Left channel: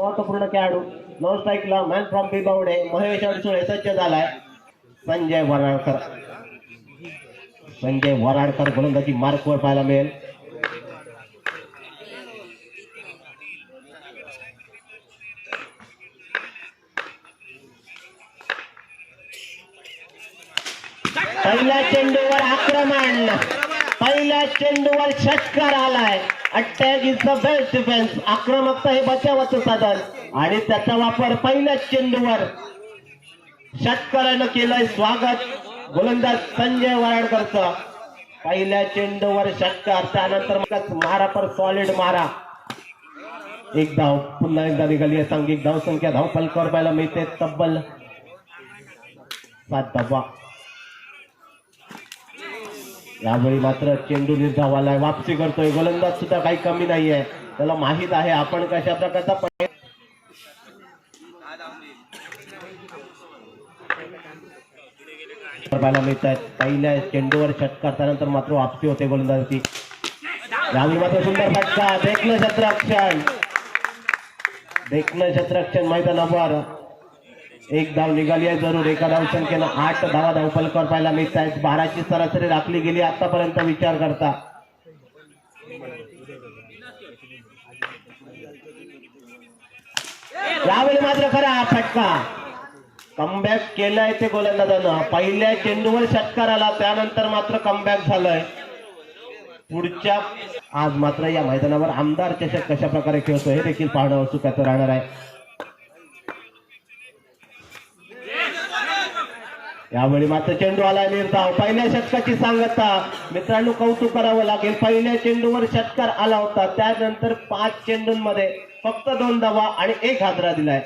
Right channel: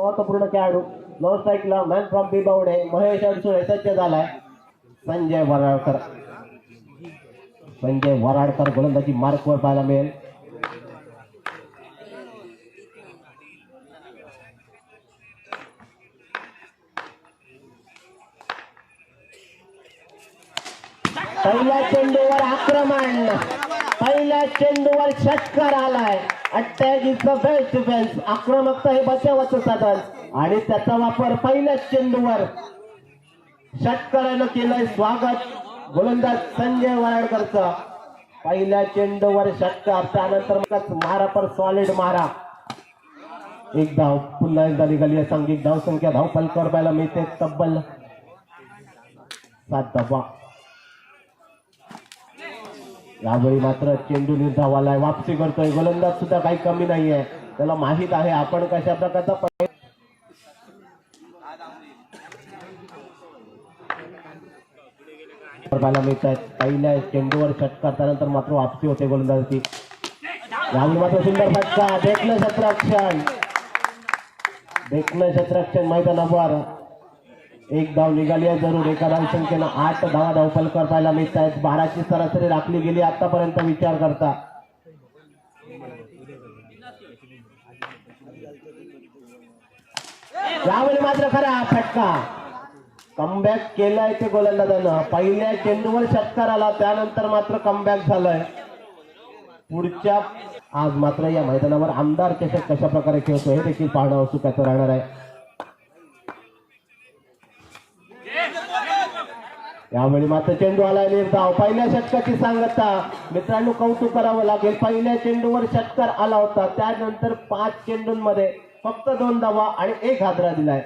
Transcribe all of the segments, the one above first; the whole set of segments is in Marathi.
महत्त्वपूर्ण खेळाडू. नॉन स्ट्राईकला मॅन फ्रॉम बिबावडे महेश अडसुळे सज्ज झालाय. संजय वराडकर. संजय वराडकर गोलंदाजी मार्कवर पाहायला मिळेल. पहिल्या चेंडूवर आक्रमण. पहिल्या चेंडूवर षटकार आलाय. Attack is the best defence आक्रमकता हे बचावाचं साधन. आणि त्याचा वापर पहिल्याच चेंडूवर षटकारानं केलंय स्वागत गोलंदाज संजय वराडकरचं. पहिल्या चेंडूवर षटकार त्यानंतर मारा पर सॉलिड मारा. एक धाव पुन्हा एकदा निघाली आहे सांघिक. धाव संख्या धाव फलकावर पाहायला मिळते. तब्बल सात धावा. यावेळी मात्र चेंडू निर्धावालाय. वापसी करतोय. गोलंदाज सुद्धा काही कमी नाहीये. त्याला माहीत आहे आपण कशा प्रकारचा पै- बघायला पहिल्या चेंडूवर षटकार त्यानंतर मात्र वापसी होते गोलंदाजाची. यावेळी मात्र सुंदर फटका. देखलं क्षेत्ररक्षण देखलं क्षेत्ररक्षण मैदानावर. एक धाव निघाली आहे जरूर एका धाव संख्येनं आठ धावा धावपल करायला पाहायला मिळत आहेत बाराची सरासरी राखली गेली आतापर्यंत विचार करता. यावेळी मात्र खरा फटका. कमबॅक केलाय ते गोलंदाजानं. पहिल्या चेंडूवर षटकार आला त्यानंतर मात्र कमबॅक झालंय. पुढच्या आज मात्र या मैदानावर आमदार चषक कशा प्रकारे खेळतो हे देखील पाहणं चुकाचं राहणार आहे. यावेळी मात्र चेंडू आला निर्धाव. पहिल्या षटकाची सांगता. मित्रांनो कौतुक करावं लागेल. पहिल्या चेंडूवर षटकार आला होता. त्यानंतर पाच चेंडूंमध्ये फक्त दोन धावा आणि एक हादरा दिलाय.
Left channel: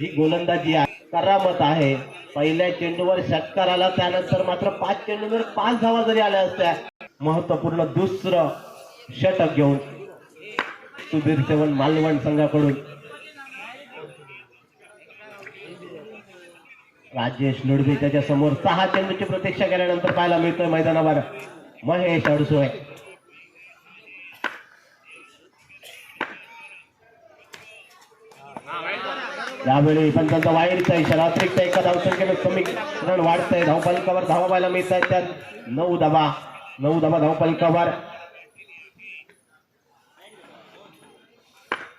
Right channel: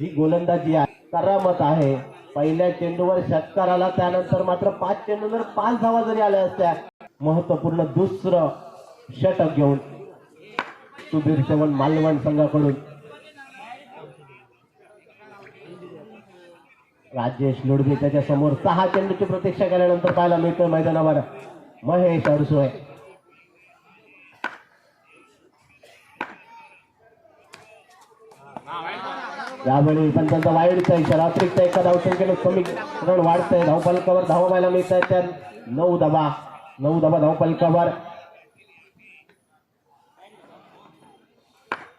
ही गोलंदाजी आहे. करामत आहे. पहिल्या चेंडूवर षटकार आला. त्यानंतर मात्र पाच चेंडूवर पाच धावा जरी आल्या असत्या महत्त्वपूर्ण दुसरं षटक घेऊन सुधीर सेवन मालवण संघाकडून राजेश लुडबे त्याच्यासमोर सहा चेंडूची प्रतीक्षा केल्यानंतर पाहायला मिळतोय मैदानावर. महेश अडसोळे. यावेळी पण त्यांचा वाईरचा इशारा. अतिरिक्त एका धावसंख्येनं रण वाढतंय. धावपलकावर धावा पाहायला मिळत आहेत त्यात. नऊ धावा नऊ धावा धावपलकावर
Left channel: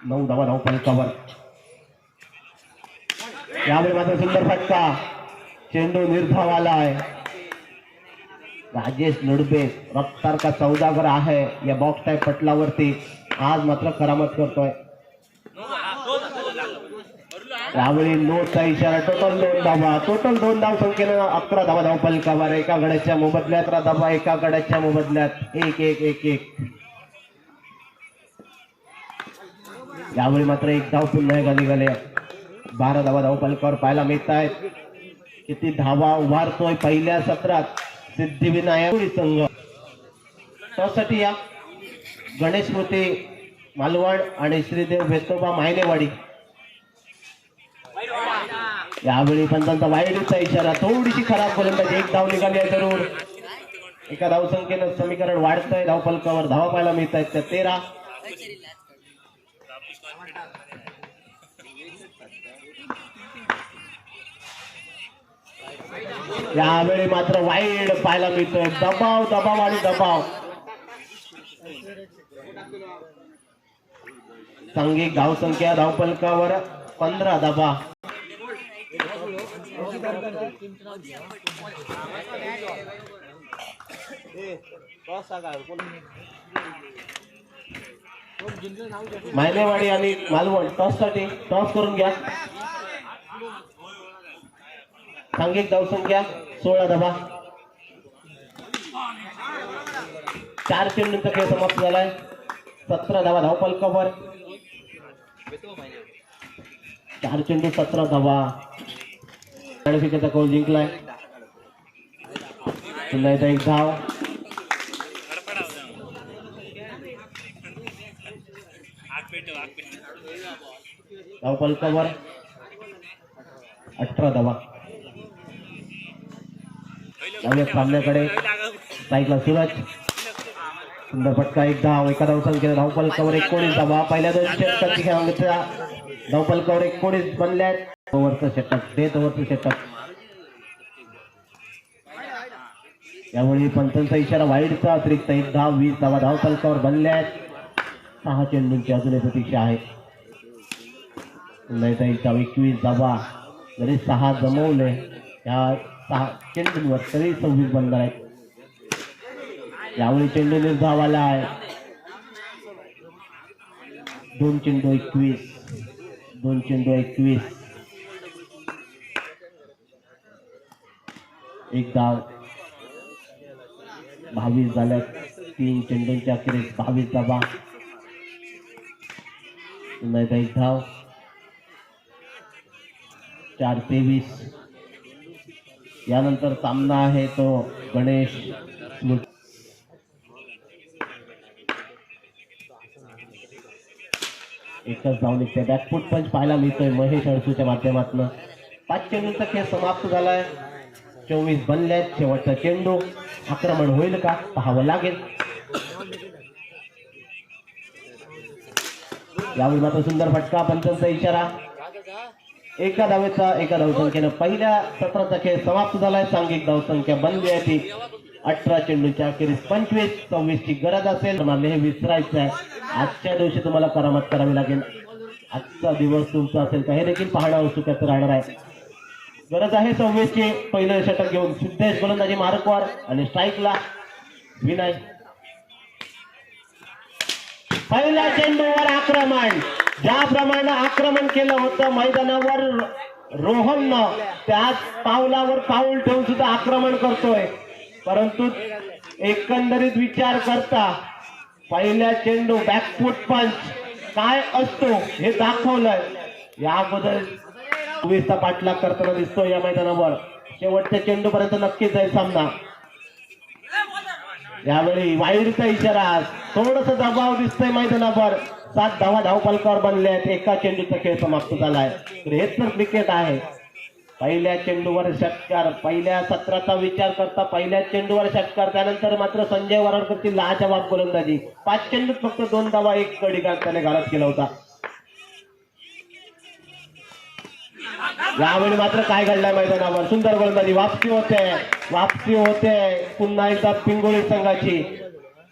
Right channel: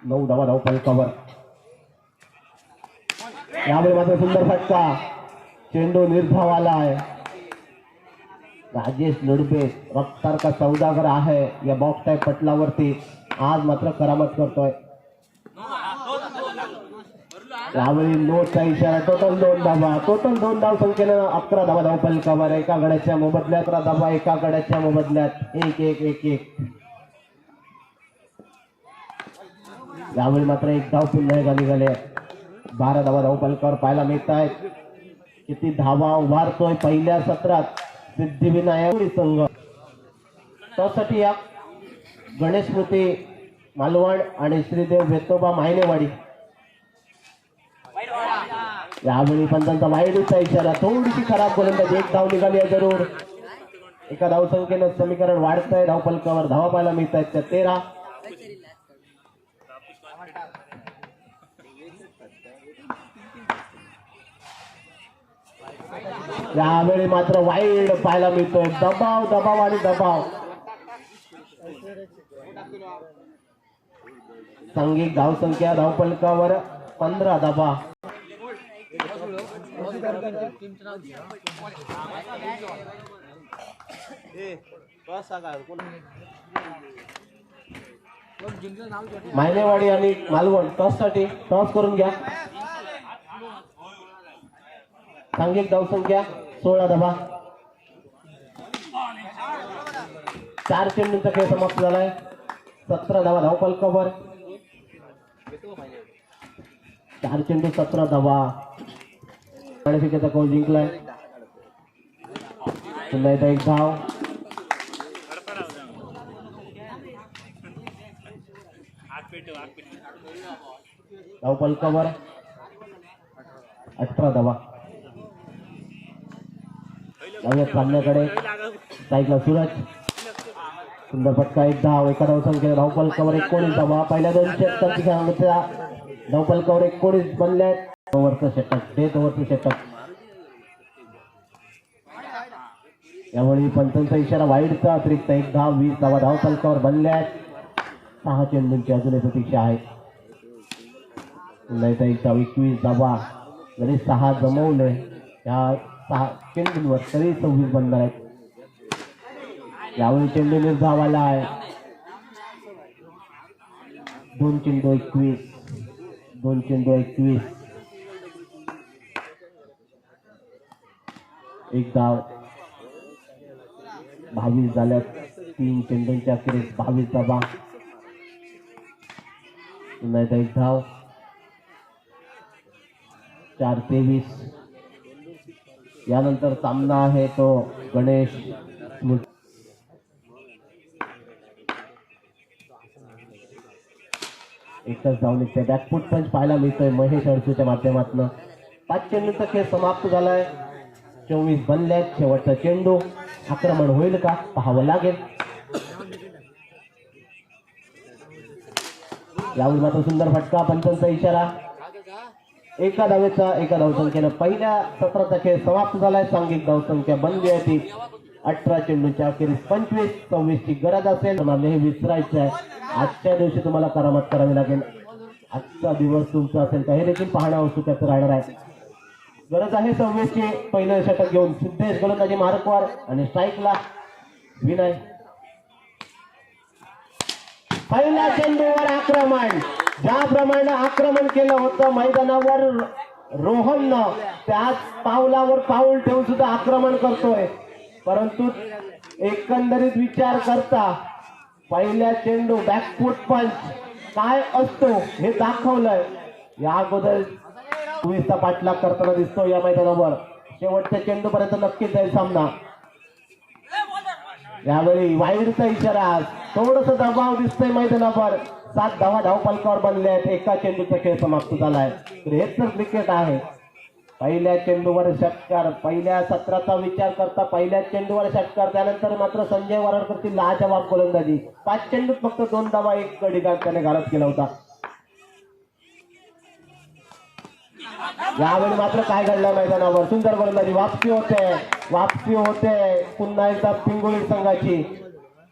नऊ धावा धावपलकावर यामुळे मात्र सुंदर फटका. चेंडू निर्धाव आलाय राजेश लुडबे रक्तारका सौदागर आहे. या बॉक्स टाईप पटलावरती आज मात्र करामत करतोय. यावेळी नोटचा इशारा. टोटल दोन धावा. टोटल दोन धाव संख्येनं अकरा धावा धाव पलकावर. एका गड्याच्या मोबदल्यात अकरा धावा एका गड्याच्या मोबदल्यात. एक एक एक एक. यावेळी मात्र एक धाव पुन्हा एकदा निघाले. बारा धावा धाव पाहायला मिळत आहेत किती धावा उभारतोय पहिल्या सत्रात सिद्धिविनायक संघ. त्यासाठी या गणेश मूर्ती मालवण आणि श्रीदेव भेतोबा मायनेवाडी. यावेळी पंचांचा वाईडचा इशारा थोडीशी खराब गोलंदाजी. एक धाव निघाली आहे जरूर. एका धावसंख्येनं समीकरण वाढतंय. धाव धावा पाहायला मिळत आहेत त्या तेरा. यावेळी मात्र वाईड पाहायला मिळतो दबाव दबाव आणि दबाव. सांघिक धाव संख्या धावपलकावर पंधरा दबा. मायनेवाडी आणि मालवण. टॉससाठी टॉस करून घ्या. सांघिक धावसंख्या सोळा धबा. चार चेंडूंचा खेळ समाप्त झालाय. सतरा धावा कवर चार चेंडू सतरा धावा. फिकाचा कौल जिंकलाय? पुन्हा एकदा एक धाव. धावपलकावर अठरा धावा सामन्याकडे साईकला सुरज. सुंदर फटका एक धाव एका धाव संख्येने धावपल कवर एकोणीस धावा पहिल्या दोन षटकाची खेळाचा धावपलकावर एकोणीस बनल्यात ओव्हरचं षटक. डेथ ओव्हरचं षटक. यावेळी पंचांचा इशारा वाईटचा. अतिरिक्त एक धाव वीस धावा धावपलकावर बनल्यात सहा चेंडूंची अजूनही प्रतीक्षा आहे. पुन्हा एकदा एक एकवीस धावा जरी सहा जमवले या सहा चेंडूंवर तरी सव्वीस बनणार आहेत. यावेळी चेंडू निर्धाव आला आहे. दोन चेंडू एकवीस दोन चेंडू एकवीस. एक धाव बावीस झाल्यात तीन चेंडूंच्या अखेरीस बावीस धावा नाही एक धाव चार तेवीस. यानंतर सामना आहे तो गणेश एकच धाव निघते बॅकफूट पंच पाहायला मिळतोय महेश अडसूच्या माध्यमातून. पाच चेंडूचा खेळ समाप्त झालाय. चोवीस बनले शेवटचा चेंडू. आक्रमण होईल का? पाहावं लागेल. यावेळी मात्र सुंदर फटका पंचांचा इशारा. एका धावेचा एका धावसंख्येनं पहिल्या सत्राचा खेळ समाप्त झालाय. सांघिक धावसंख्या बनली आहे ती. अठरा चेंडूच्या अखेरीस पंचवीस सव्वीस ची गरज असेल. तुम्हाला हे विसरायचं आहे आजच्या दिवशी तुम्हाला करामत करावी लागेल. आजचा दिवस तुमचा असेल तर हे देखील पाहणं औत्सुक्याचं राहणार आहे. गरज आहे सव्वीस ची पहिलं षटक घेऊन सिद्धेश गोलंदाजी मार्कवर आणि स्ट्राईकला विनय. पहिल्या चेंडूवर आक्रमण. ज्याप्रमाणे आक्रमण केलं होतं मैदानावर रोहननं त्याच पावलावर पाऊल ठेवून सुद्धा आक्रमण करतोय. परंतु एकंदरीत विचार करता पहिल्या चेंडू बॅकफूट पंच काय असतो हे दाखवलंय. या अगोदर चोवीसचा पाठलाग करताना दिसतो या मैदानावर. शेवटच्या चेंडूपर्यंत नक्कीच जाईल सामना. यावेळी वाईडचा इशारा थोडस दबाव दिसतोय मैदानावर. सात धावा धावपालकावर बनले आहेत. एका चेंडूचा खेळ समाप्त झाला तर हेच तर क्रिकेट आहे. पहिल्या चेंडूवर षटकार पहिल्या सत्राचा विचार करता पहिल्या चेंडूवर षटकार त्यानंतर मात्र संजय वराडकरची लाजवाब गोलंदाजी. पाच चेंडूत फक्त दोन धावा एक कडी त्याने घालत केला होता. यावेळी मात्र काय घडलंय मैदानावर? सुंदर गोलंदाजी वापसी होते. वापसी होते. पुन्हा एकदा पिंगोळी संघाची.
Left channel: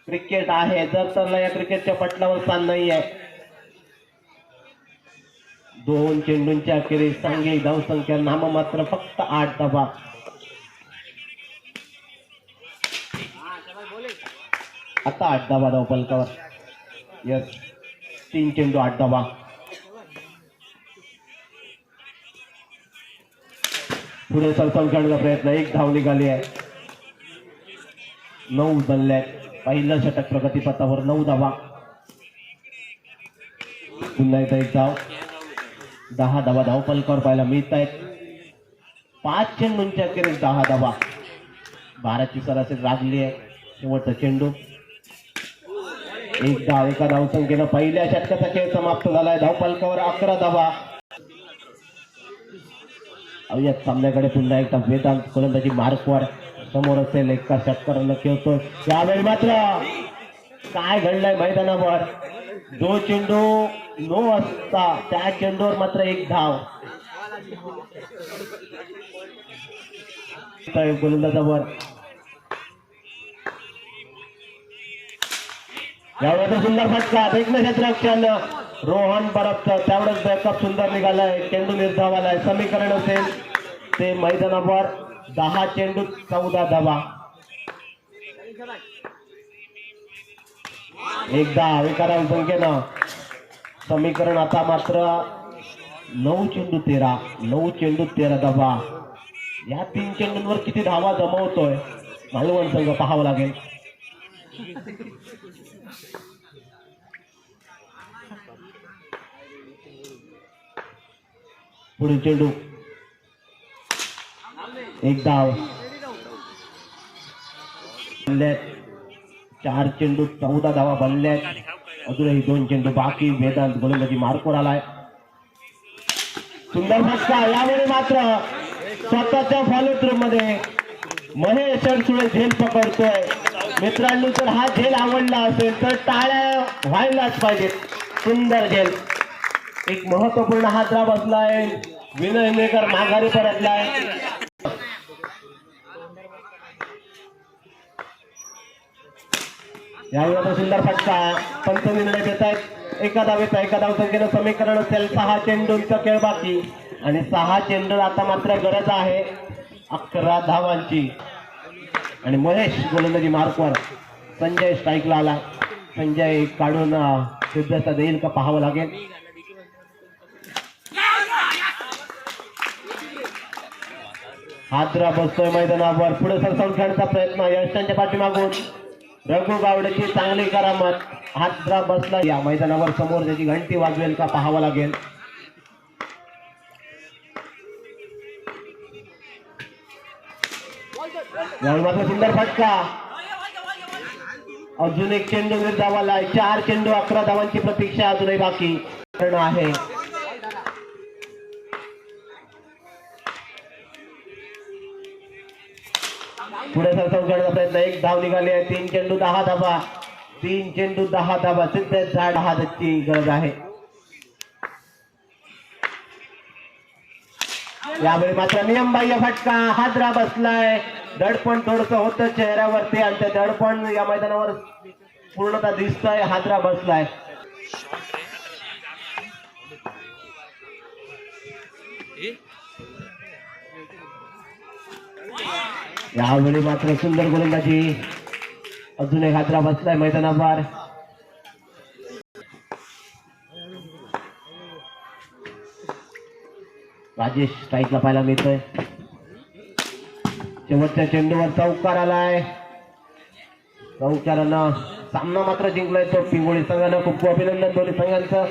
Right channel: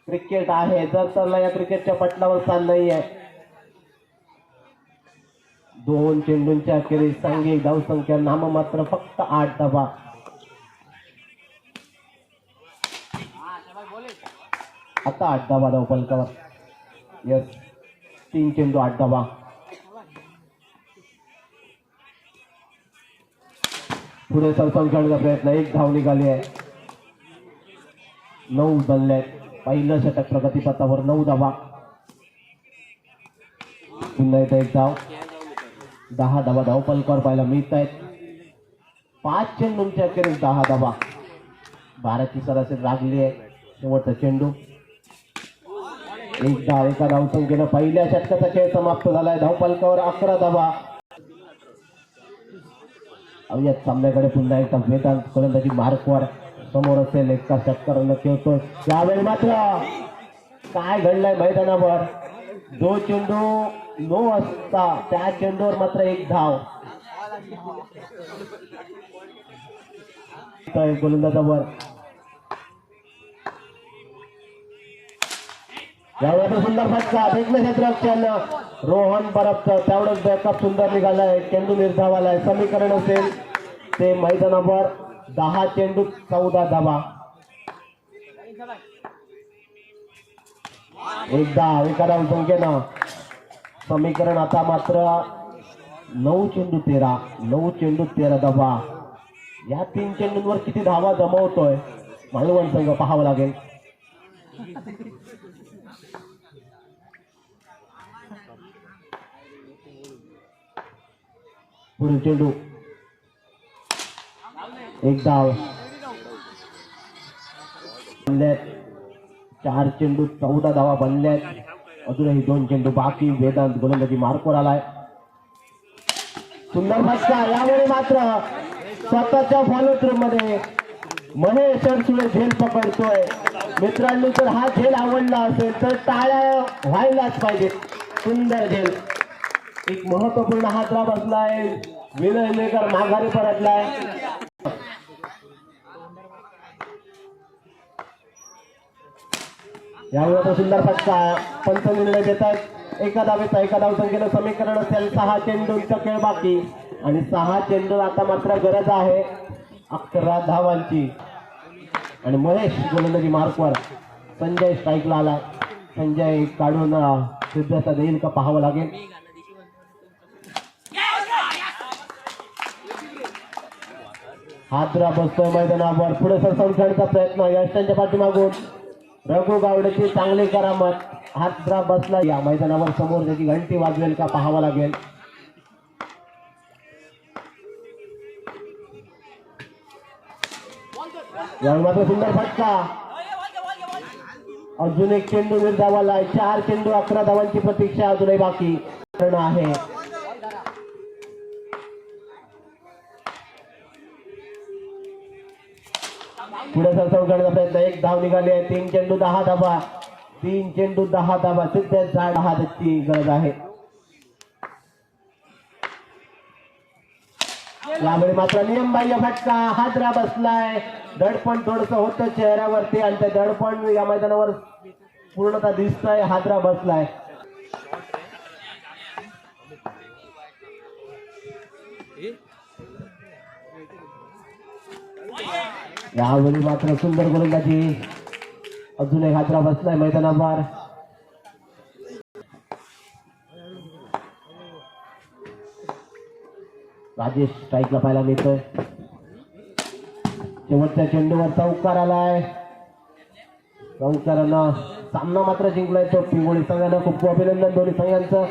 क्रिकेट आहे. जर तर या क्रिकेटच्या पटलावर स्थान नाही आहे दोन चेंडूंच्या अखेरीस सांगे धावसंख्या नाममात्र फक्त आठ धावा. आता आठ धावा धाव पलकावर. यस तीन चेंडू आठ धावा. पुढे सरपंच करण्याचा प्रयत्न एक धाव निघाली आहे. नऊ उचलले पहिलं षटक प्रगतीपथावर नऊ धावा. पुन्हा एकदा एक धाव. दहा धावा धावपलकावर पाहायला मिळत आहेत पाच चेंडूंच्या अखेरीस दहा धावा. भारतची सरासरी लागली आहे. शेवटचा चेंडू. एक धाव एका धावसंख्येनं पहिल्या षटकाचा खेळ समाप्त झालाय. धावपालकावर अकरा धावा. या सामन्याकडे पुन्हा एकदा वेदांत फलंदाजी मार्कवर समोर असेल. एका षटकारानं खेळतोय यावेळी मात्र. काय घडलंय मैदानावर? जो चेंडू नो असता त्या चेंडूवर मात्र एक धाव. गोलंदाजावर. यावेळी सुंदर फटका. देखणे रोहन बरफचं त्यावेळेस बॅकअप सुंदर निघालाय. चेंडू निर्धावालाय समीकरण असेल ते मैदानावर. दहा चेंडू चौदा धावा. एकदा एका संख्येनं. समीकरण आता मात्र नऊ चेंडू तेरा नऊ चेंडू तेरा धावा या तीन चेंडूंवर किती धावा जमवतोय? मालवण संघ पाहावं लागेल. पुढील चेंडू. एक धाव. चार चेंडू चौदा धावा बनल्यात अजूनही दोन चेंडू बाकी. वेदांत गोलंदाजी मार्कवर आलाय. सुंदर फटका यावेळी मात्र स्वतःच्या फॉलो मध्ये महेश अडसुळे झेल पकडतोय. मित्रांनो जर हा झेल आवडला असेल तर टाळ्या व्हायलाच पाहिजेत. सुंदर झेल. एक महत्त्वपूर्ण हादरा बसलाय. विनय नेकर माघारी परतलाय. यावेळी आता सुंदर फटका पंच निर्णय देत आहेत. एका धावेचा एका धावसंख्येनं समीकरण असेल सहा चेंडूंचा खेळ बाकी. आणि सहा चेंडू आता मात्र गरज आहे अकरा धावांची. आणि महेश गोलंदाजी मार्कवर. संजय स्ट्राईकला आला. संजय काढून अं, सिद्धता देईल का पाहावं लागेल. हादरा बसतोय मैदानावर. पुढे सरसावून खेळण्याचा प्रयत्न. यशांच्या पाठीमागून. रघु गावड्याची चांगली करामत. हादरा बसला. या मैदानावर समोर त्याची घंटी वाजवेल का पाहावं लागेल. मात्र सुंदर फटका. अजून एक चेंडू निर्धावाला चार चेंडू अकरा धावांची प्रतीक्षा अजूनही बाकी. आहे. पुढे सर करण्याचा प्रयत्न एक धाव निघाली आहे तीन चेंडू दहा धाबा तीन चेंडू दहा धाबा सिद्ध झाड दहा गरज आहे. यावेळी मात्र नियमबाह्य फटका. हादरा बसलाय. दडपण थोडस होतं चेहऱ्यावरती आणि त्या दडपण या मैदानावर पूर्णतः दिसतंय. हादरा बसलाय. यावेळी मात्र सुंदर गोलंदाजी. अजून एक हादरा बसलाय मैदानावर. राजेश स्ट्राईकला पाहायला मिळतोय. शेवटच्या चेंडूवर चौकार आलाय. चौकारानं सामना मात्र जिंकलाय तो. पिंगोळी संघानं खूप खूप अभिनंदन दोन्ही संघांचं.